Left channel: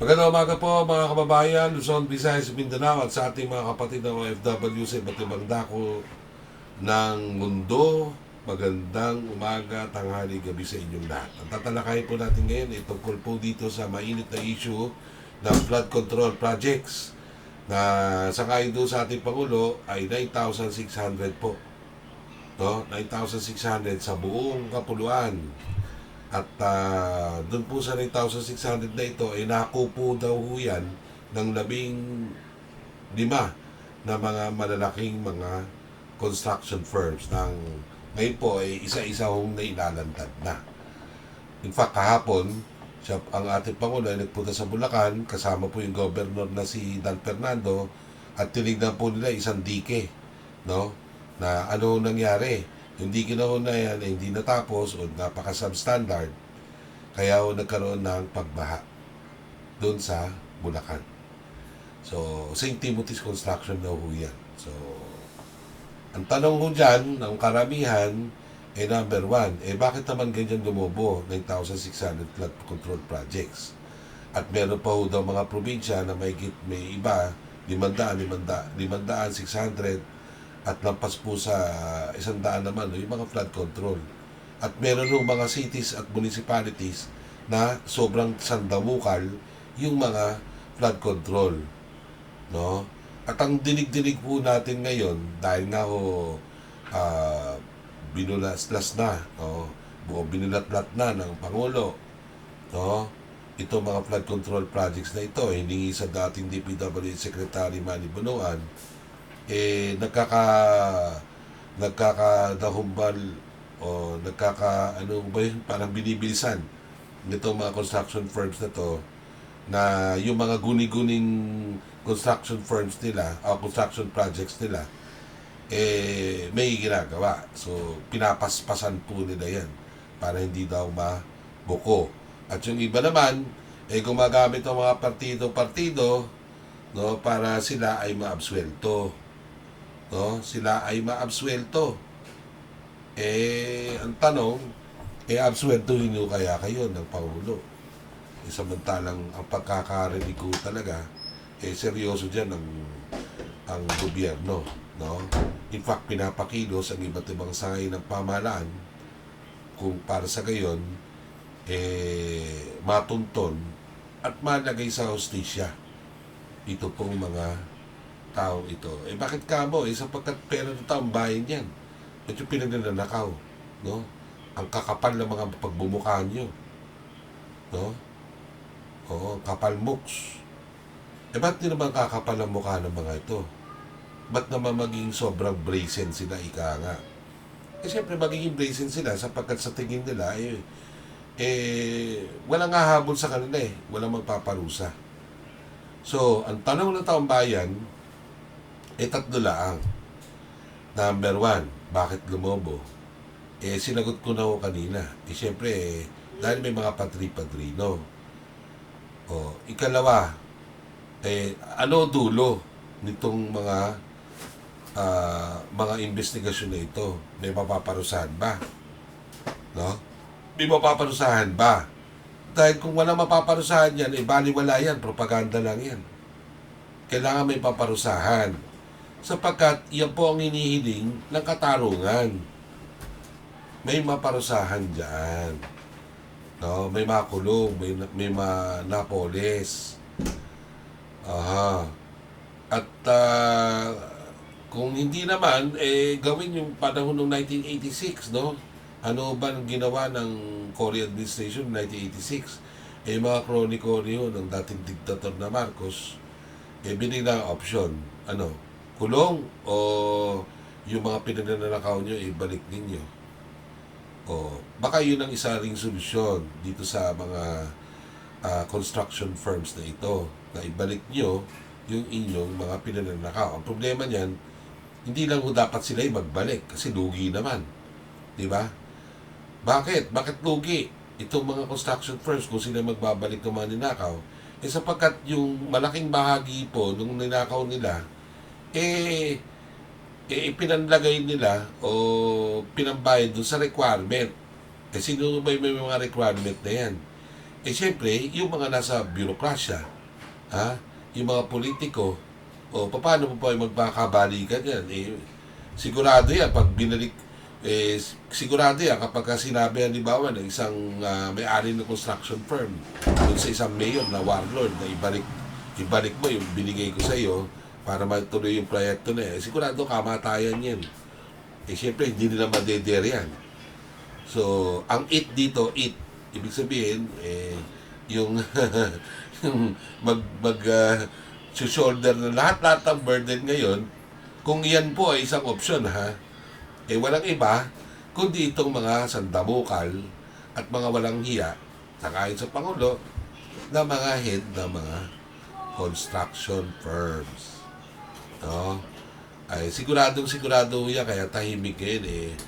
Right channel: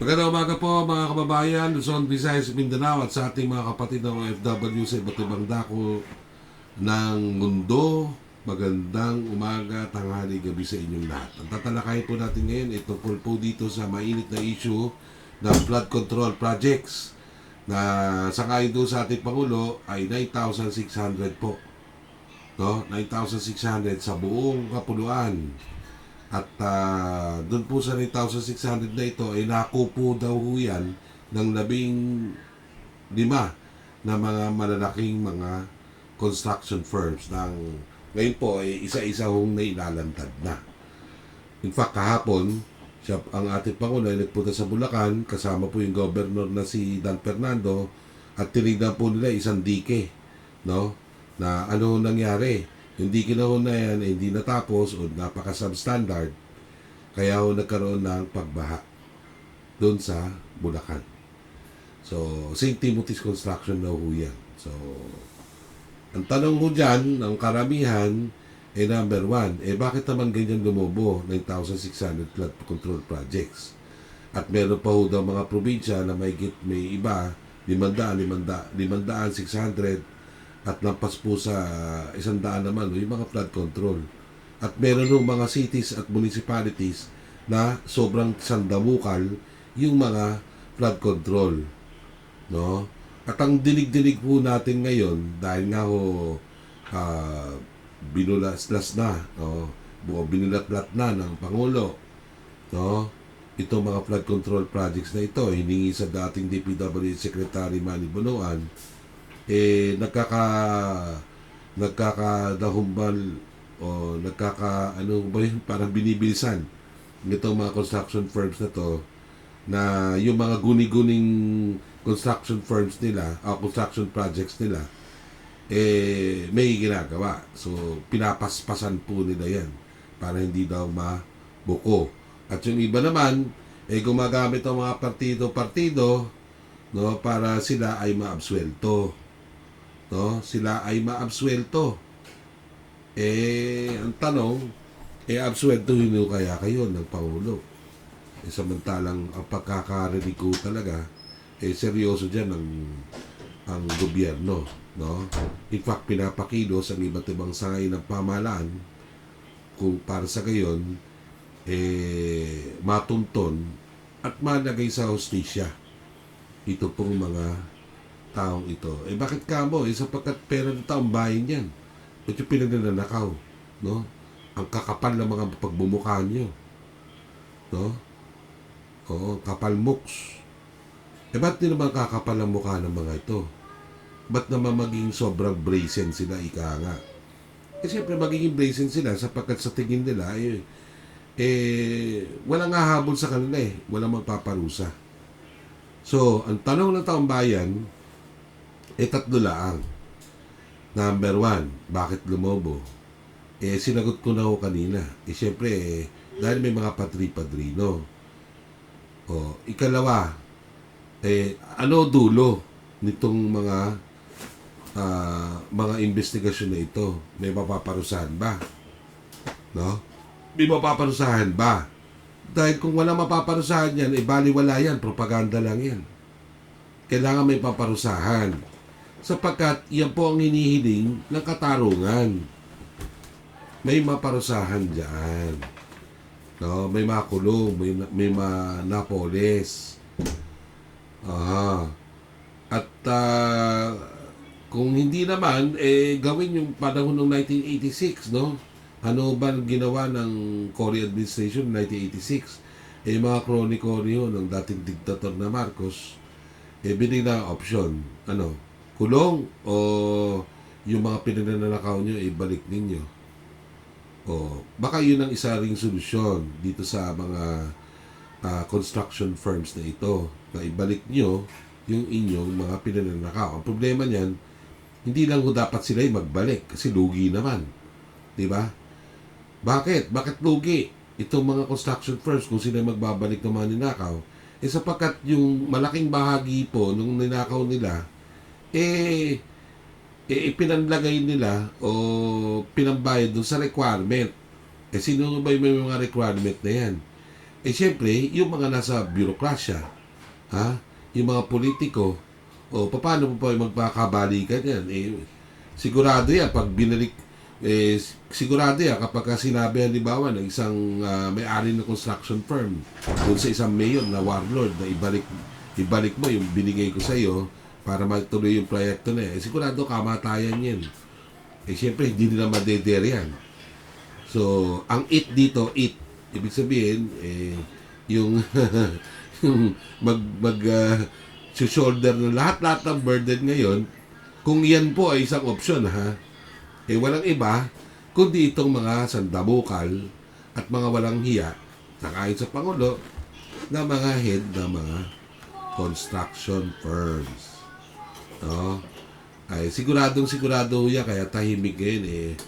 Magandang umaga po mga kababayan, Luzon, Visayas, Mindanao at sa ating mga kapatid na OFW sa iba't ibang dako ng mundo. Magandang umaga, tanghali, gabi sa inyong lahat. Ang tatalakayin po natin ngayon ay tungkol po dito sa mainit na issue ng flood control projects na sangayon doon sa ating Pangulo ay 9,600 po. No? 9,600 sa buong kapuluan. At doon po sa 9,600 na ito ay nakupo daw ho yan ng 15 na mga malalaking mga construction firms ng ngayon po ay isa-isa hong nailalantad na. In fact, kahapon, ang ating Pangulo ay nagpunta sa Bulacan, kasama po yung governor na si Dan Fernando, at tinignan po nila isang dike, no? Na ano nangyari. Yung dike na na yan ay hindi natapos o napaka-substandard, kaya ho nagkaroon ng pagbaha doon sa Bulacan. So, St. Timothy's Construction na ho yan. So, ang tanong ho dyan, ng karamihan, number one, bakit naman ganyan lumobo 9,600 flood control projects? At meron pa ho daw mga probinsya na may iba, 500, 600, at lampas po sa 100 naman yung mga flood control. At meron ng mga cities at municipalities na sobrang sandamukal yung mga flood control, no? At ang dinig-dinig po natin ngayon, dahil nga ho binulaslas na, no? Binulatlat na ng Pangulo, no? Ito mga flood control projects na ito, hiningi sa dating DPWH Secretary Manny Bonoan, nagkakadahumbal o ano ba yun, parang binibilisan nitong mga construction firms na to, na yung mga guni-guning construction firms nila o construction projects nila may ginagawa. So pinapaspasan po nila yan para hindi daw mabuko. At yung iba naman gumagamit ng mga partido, no, para sila ay maabsuelto. No, sila ay maabsuelto. Ang tanong, absuelto nyo kaya kayo ng Pangulo? Samantalang ang pagkakarinig ko talaga, seryoso dyan ang gobyerno. No? In fact, pinapakilos ang iba't ibang sangay ng pamahalaan kung para sa gayon, matunton at malagay sa hustisya ito pong mga taong ito. Bakit kamo? Sapagkat pera ng taong bayan yan. Ito pinagnanakaw, no? Ang kakapal ng mga pagbumukha nyo, no? Oo, kapal mooks. Ba't di naman kakapal ang mukha ng mga ito? Ba't naman maging sobrang brazen sila, ika nga? Siyempre magiging brazen sila sapagkat sa tingin nila, walang hahabol sa kanila walang magpaparusa. So, ang tanong ng taong bayan, tatlo lang. Number one, bakit lumobo? Sinagot ko na ho kanina. Siyempre, dahil may mga patri-padrino. Ikalawa, ano dulo nitong mga investigasyon na ito? May mapaparusahan ba? No? May mapaparusahan ba? Dahil kung walang mapaparusahan yan, baliwala yan, propaganda lang yan. Kailangan may paparusahan. Sapagkat yan po ang hinihiling ng katarungan. May maparusahan dyan. No? May makulong, may manapolis. Aha. At kung hindi naman, gawin yung panahon ng 1986, no? Ano ba ang ginawa ng Cory administration ng 1986? Mga kroni-kroni ng dating diktator na Marcos, binigla ang option. Ano? Kulong o yung mga pinananakaw nyo, ibalik ninyo. Baka yun ang isa ring solusyon dito sa mga construction firms na ito, na ibalik nyo yung inyong mga pinananakaw. Ang problema niyan, hindi lang ho dapat sila magbalik kasi lugi naman. Diba? Bakit? Bakit lugi? Itong mga construction firms kung sila magbabalik ng mga ninakaw, sapagkat yung malaking bahagi po nung ninakaw nila, ipinanlagay nila o pinambayad doon sa requirement. Sino ba yung may mga requirement na yan? Eh siyempre, yung mga nasa birokrasya, ha? Yung mga politiko, o paano po yung magpakabalikan yan? Eh, sigurado yan, pag binalik, sigurado yan, kapag ka sinabi, halimbawa, ng isang may-ari ng construction firm, dun sa isang mayor na warlord, na ibalik mo yung binigay ko sa iyo para matuloy yung proyekto na yan, eh, sigurado kamatayan yan. Eh, siyempre, hindi nila madeder yan. So, ang it dito, it, ibig sabihin, yung yung shoulder na lahat-lahat ng burden ngayon, kung yan po ay isang opsyon, ha, eh walang iba, kundi itong mga sandabukal at mga walang hiya, nakain sa Pangulo, na mga head ng mga construction firms. No? Ay, siguro yan, kaya tahimik ngayon,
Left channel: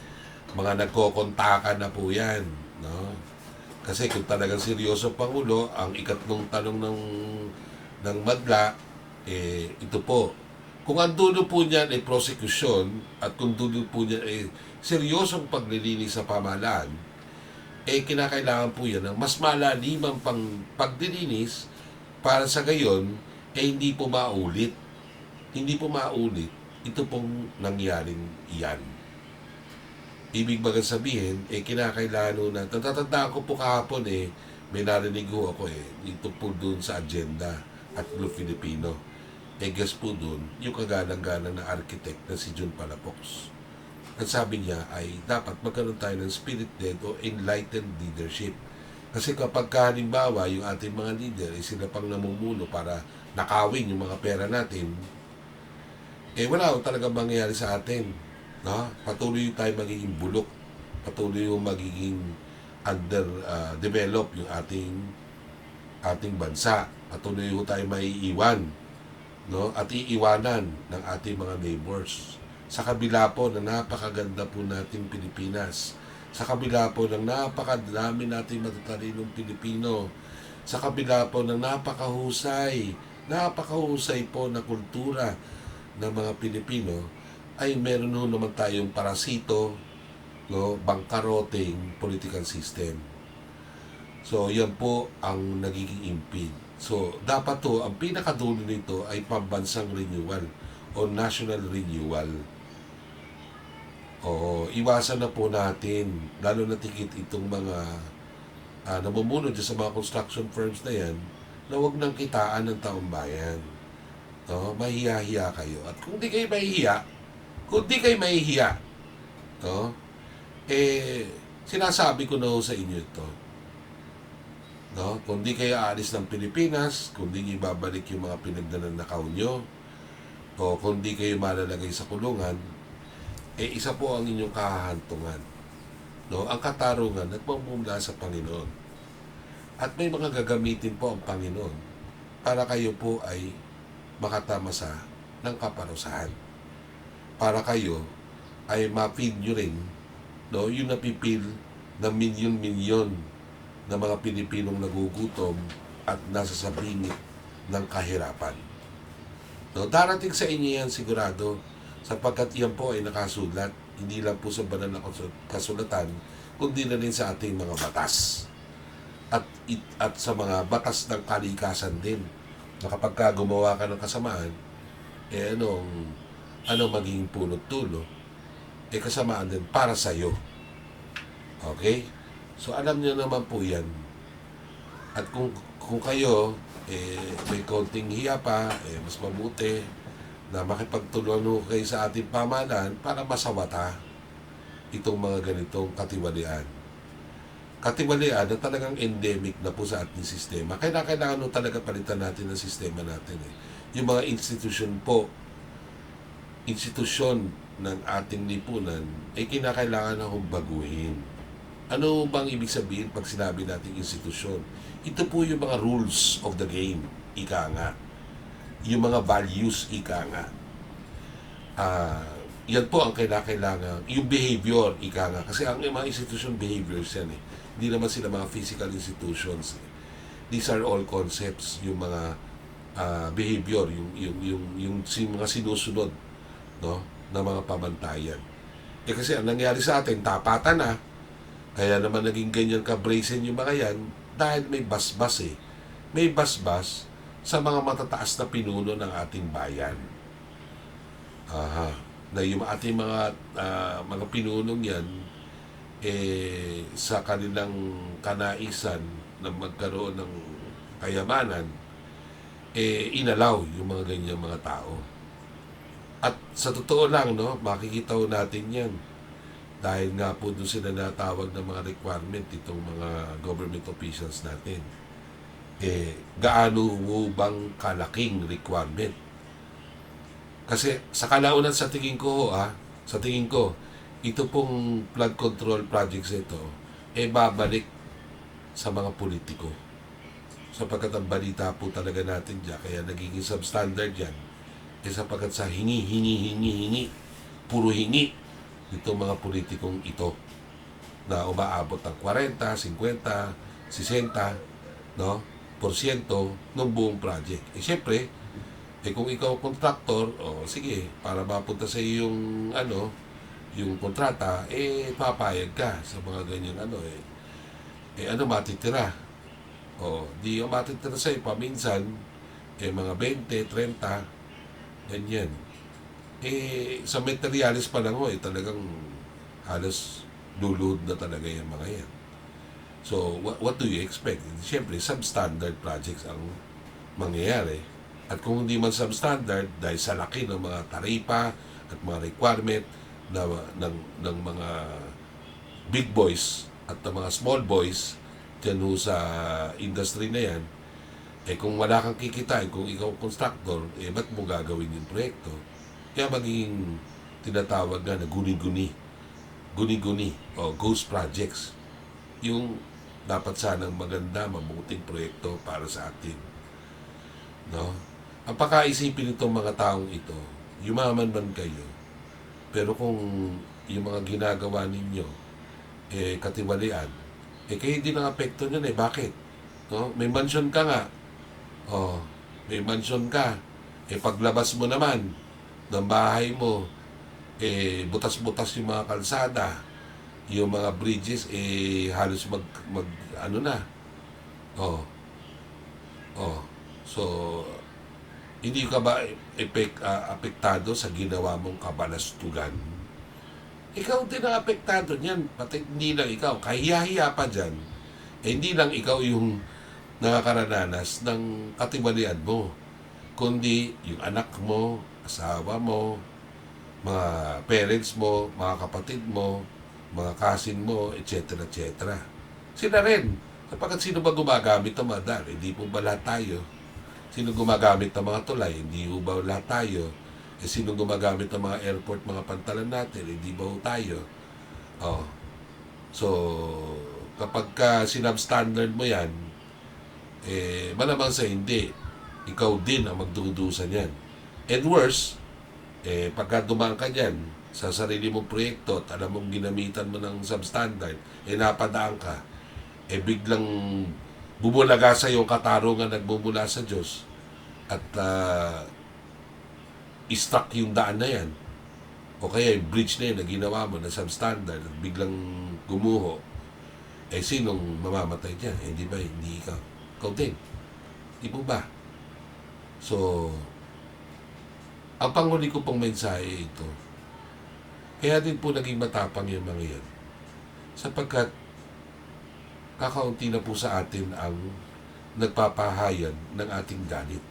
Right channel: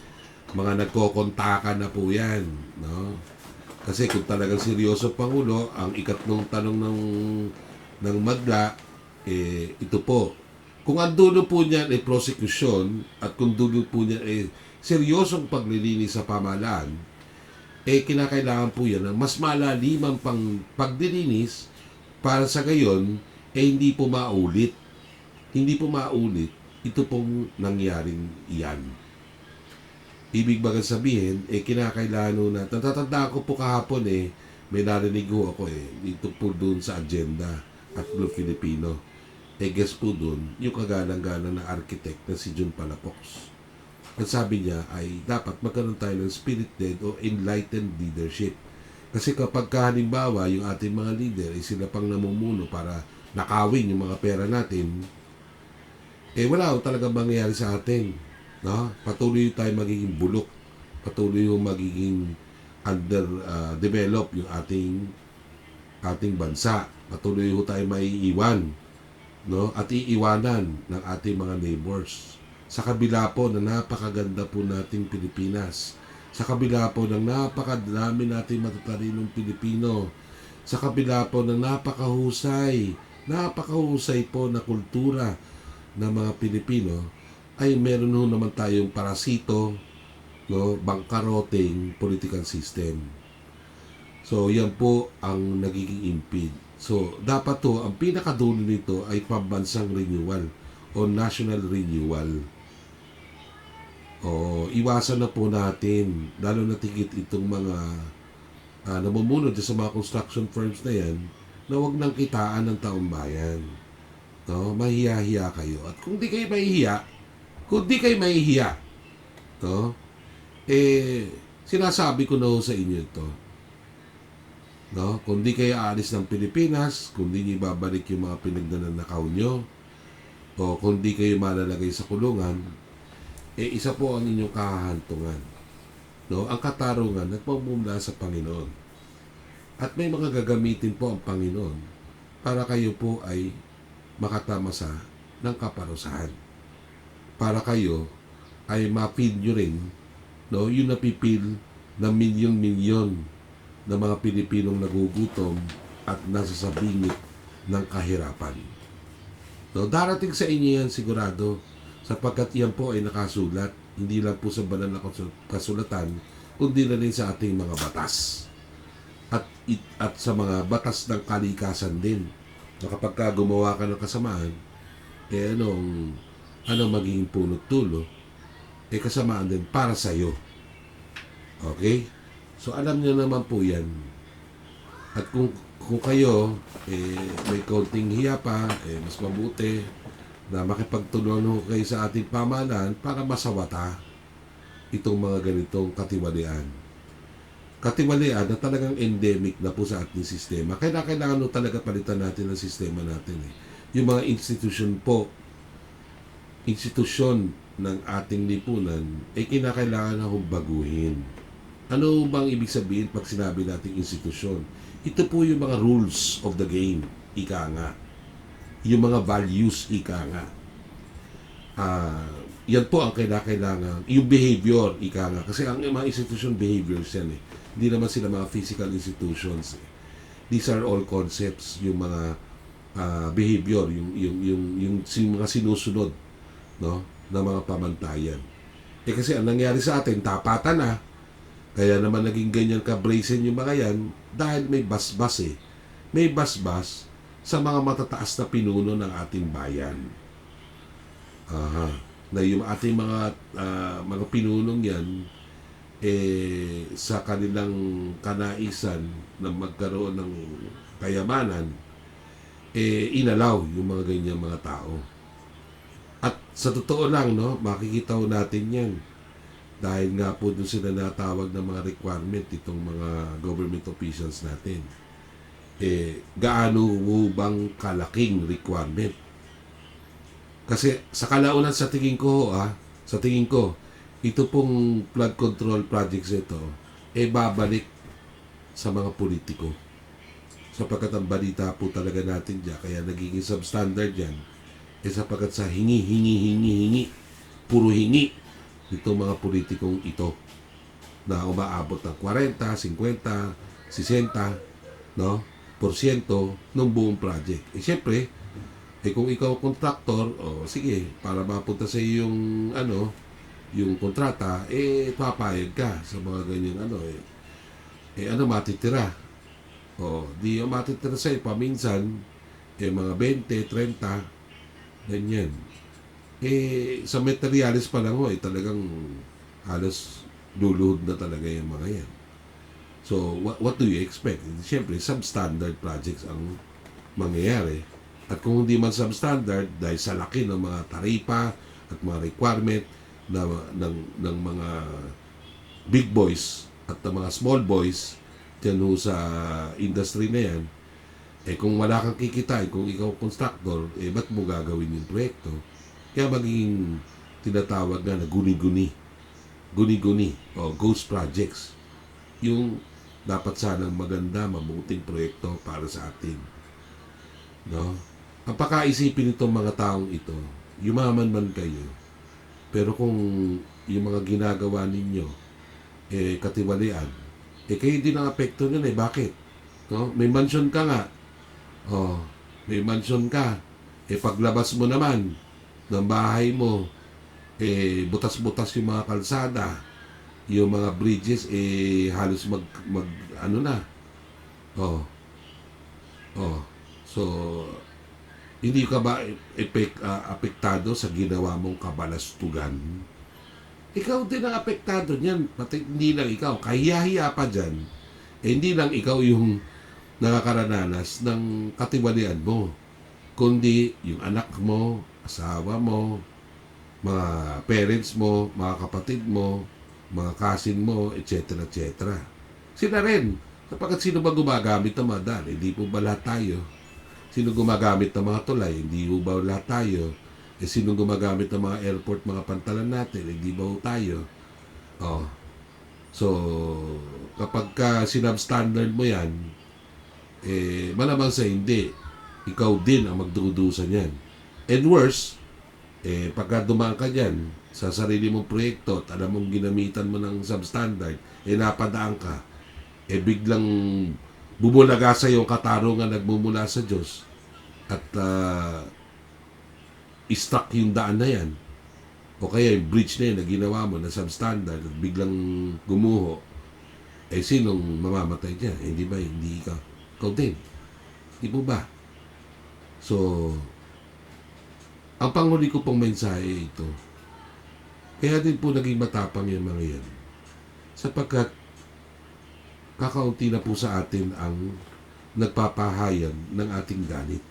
mga nagkokontakan na po yan. No? Kasi kung talagang seryoso Pangulo, ang ikatlong tanong ng madla, ito po. Kung ang dulo po niyan ay prosecution at kung dulo po niyan ay seryosong paglilinis sa pamahalaan, kinakailangan po yan ng mas malalimang paglilinis para sa gayon, hindi po maulit. Hindi po maulit ito pong nangyaring iyan. Ibig bagang sabihin, kinakailangan na, natatandaan ko po kahapon may narinig ko ako dito po doon sa agenda at Blue Filipino. Guess po doon, yung kagalang-galang na architect na si John Palafox. At sabi niya ay dapat magkaroon tayo ng spirit-led o enlightened leadership. Kasi kapag halimbawa yung ating mga leader sila pang namumuno para nakawin yung mga pera natin, wala talaga mangyayari sa atin. No? Patuloy tayo magiging bulok. Patuloy yung magiging underdevelop yung ating bansa. Patuloy yung tayo maiiwan. No? At iiwanan ng ating mga neighbors. Sa kabila po na napakaganda po nating Pilipinas. Sa kabila po ng napakadami nating matatalinong Pilipino. Sa kabila po ng napakahusay po na kultura ng mga Pilipino, ay meron ho naman tayong parasito, no, bangkaroteng political system. So, yan po ang nagiging impede. So, dapat to, ang pinakadulo nito ay pambansang renewal o national renewal. O, iwasan na po natin, lalo na tigit itong mga namumuno sa mga construction firms na yan, na huwag nang kitaan ng taong bayan. No, mahihiya kayo. At kung di kayo mahihiya, no, sinasabi ko na ho sa inyo ito. No, kung di kayo aalis ng Pilipinas, kung di niyo babalik yung mga pinagnanakaw nyo, o kung di kayo malalagay sa kulungan, isa po ang inyong kahahantungan. No, ang katarungan nagmumula sa Panginoon. At may mga gagamitin po ang Panginoon para kayo po ay makatamasa ng kaparusahan. Para kayo ay ma-feed nyo rin, no, yung napipil na milyon-milyon na mga Pilipinong nagugutom at nasa sabingit ng kahirapan. No, darating sa inyo yan sigurado, sapagkat yan po ay nakasulat, hindi lang po sa banal na kasulatan, kundi na rin sa ating mga batas. At sa mga batas ng kalikasan din, na kapag ka gumawa ka ng kasamaan, ano magiging punot dulo, kasamaan din para sa iyo. Okay? So alam niyo naman po yan. At kung kayo may konting hiya pa, mas mabuti na makipagtulungan kayo sa ating pamahalaan para masawata itong mga ganitong katiwalian. Katiwalian na talagang endemic na po sa ating sistema. Kailangan talaga palitan natin ang sistema natin. Yung mga institusyon ng ating lipunan, kinakailangan na baguhin. Ano bang ibig sabihin pag sinabi natin institusyon? Ito po yung mga rules of the game, ika nga. Yung mga values, ika nga. Yan po ang kailangan. Yung behavior, ika nga. Kasi ang mga institusyon, behaviors yan Hindi naman sila mga physical institutions. These are all concepts, yung mga behavior, yung mga sinusunod, no, na mga pamantayan. Kasi ang nangyari sa atin, tapatan na, Kaya naman naging ganyan ka-brazen yung mga yan dahil may basbas eh. May basbas sa mga matataas na pinuno ng ating bayan. Aha. Na yung ating mga pinunong yan, sa kanilang kanaisan na magkaroon ng kayamanan, inalaw yung mga ganyan mga tao. At sa totoo lang, no, makikita ho natin yan. Dahil nga po doon sila natawag ng mga requirement itong mga government officials natin. Gaano mo bang kalaking requirement? Kasi sa kalaunan sa tingin ko, sa tingin ko, ito pong flood control projects ito, babalik sa mga politiko. Sapagkat ang balita po talaga natin dyan, kaya nagiging substandard yan, sapagkat sa hingi, puro hingi, itong mga politikong ito na umaabot ng 40, 50, 60, no, porsyento ng buong project. Siyempre, kung ikaw contractor, sige, para mapunta sa yung yung kontrata, papayag ka sa mga ganyan matitira. Di ang matitira sa'yo paminsan, mga 20, 30, ganyan. Sa materialis pa lang talagang halos luluhod na talaga yung mga yan. So, what do you expect? Siyempre, substandard projects ang mangyayari. At kung hindi man substandard, dahil sa laki ng mga taripa at mga requirement ng mga big boys at ng mga small boys dyan sa industry na yan, kung wala kang kikitain, kung ikaw constructor, ba't mo gagawin yung proyekto? Kaya magiging tinatawag na guni-guni o ghost projects. Yung dapat sanang maganda, mabuting proyekto para sa atin. No? Ang pakaisipin itong mga taong ito, yumaman man kayo, pero kung yung mga ginagawa ninyo, katiwalian, kayo din ang apekto nun bakit? No? May mansion ka nga, may mansion ka, paglabas mo naman ng bahay mo, butas-butas yung mga kalsada, yung mga bridges, halos so, hindi ka ba apektado sa ginawa mong kabalastugan? Ikaw din ang apektado niyan, pati hindi lang ikaw, kahiya-hiya pa dyan, hindi lang ikaw yung nakakarananas ng katiwalian mo, kundi yung anak mo, asawa mo, mga parents mo, mga kapatid mo, mga cousin mo, etc. etc. Sila rin. Kapag sino ba gumagamit ng mga daan? Hindi po ba lahat tayo? Sino gumagamit ng mga tulay? Hindi po ba lahat tayo? Sino gumagamit ng mga airport, mga pantalan natin? Hindi ba tayo? So, kapag sinubstandard mo yan, malamang sa hindi, ikaw din ang magdudusa niyan. And worse, pagka dumaan ka dyan sa sarili mong proyekto at alam mong ginamitan mo ng substandard, napadaan ka, biglang bubulaga sa yung katarungan nagmumula sa Diyos at i-struck yung daan na yan, o kaya yung bridge na yun na ginawa mo na substandard at biglang gumuho, sinong mamamatay dyan? Hindi ba? Hindi ikaw. Ikaw din. Di po ba? So, ang panghuli ko pong mensahe ito, kaya din po naging matapang yung mga yan. Sapagkat kakaunti na po sa atin ang nagpapahayan ng ating galit.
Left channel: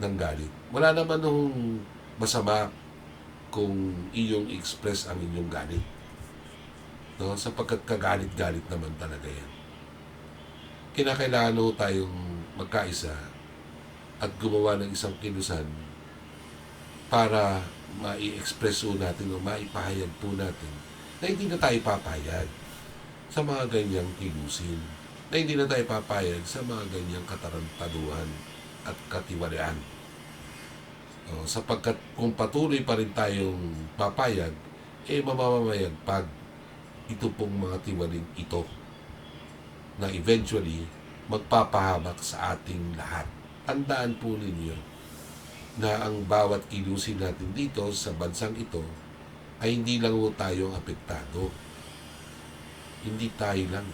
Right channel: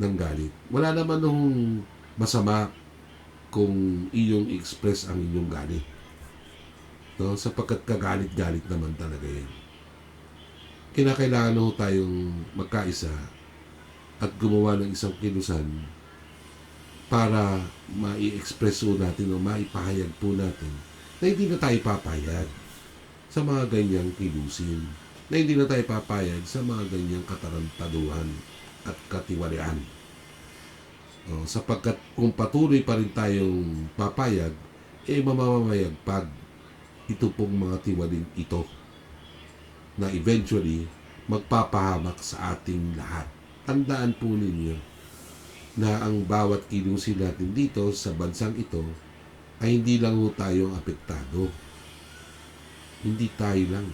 Ng galit. Wala naman nung masama kung iyong express ang inyong galit. Sapagkat kagalit-galit naman talaga yan. Kinakailangan tayong magkaisa at gumawa ng isang kilusan para mai-express natin o maipahayag po natin na hindi na tayo papayag sa mga ganyang kilusin, na hindi na tayo papayag sa mga ganyang katarantaduhan at katiwalian. Sapagkat kung patuloy pa rin tayong papayag, mamamayagpag ito pong mga tiwalin ito na eventually magpapahamak sa ating lahat. Tandaan po ninyo na ang bawat kilusin natin dito sa bansang ito ay hindi lang ho tayo ang apektado. Hindi tayo lang,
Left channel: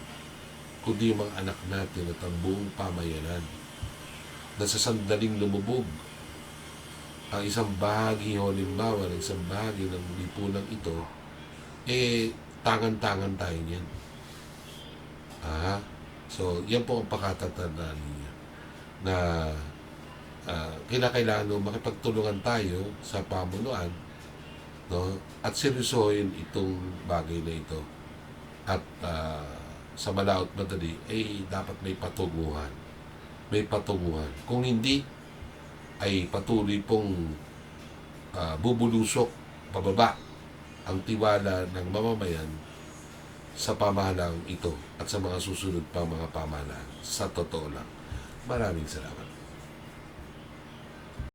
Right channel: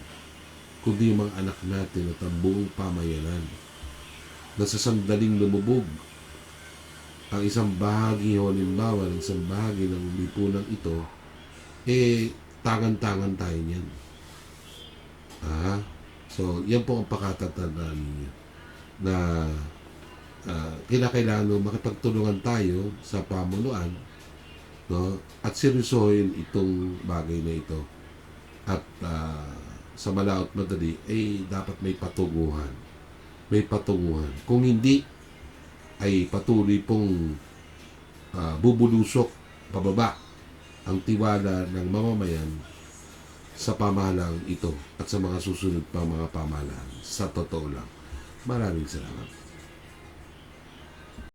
kundi yung mga anak natin at ang buong pamayanan na sa sandaling lumubog ang isang bahagi o halimbawa ng isang bahagi ng lipunang ito, tangan-tangan tayo niyan. So, yan po ang pakatatandaan ninyo na kinakailangan makipagtulungan tayo sa pamunuan, no? At seryosohin itong bagay na ito. At sa malaot madali, dapat may patunguhan. May patunguhan. Kung hindi, ay patuloy pong bubulusok pababa ang tiwala ng mamamayan sa pamahalang ito at sa mga susunod pa mga pamahalaan. Sa totoo lang. Maraming salamat.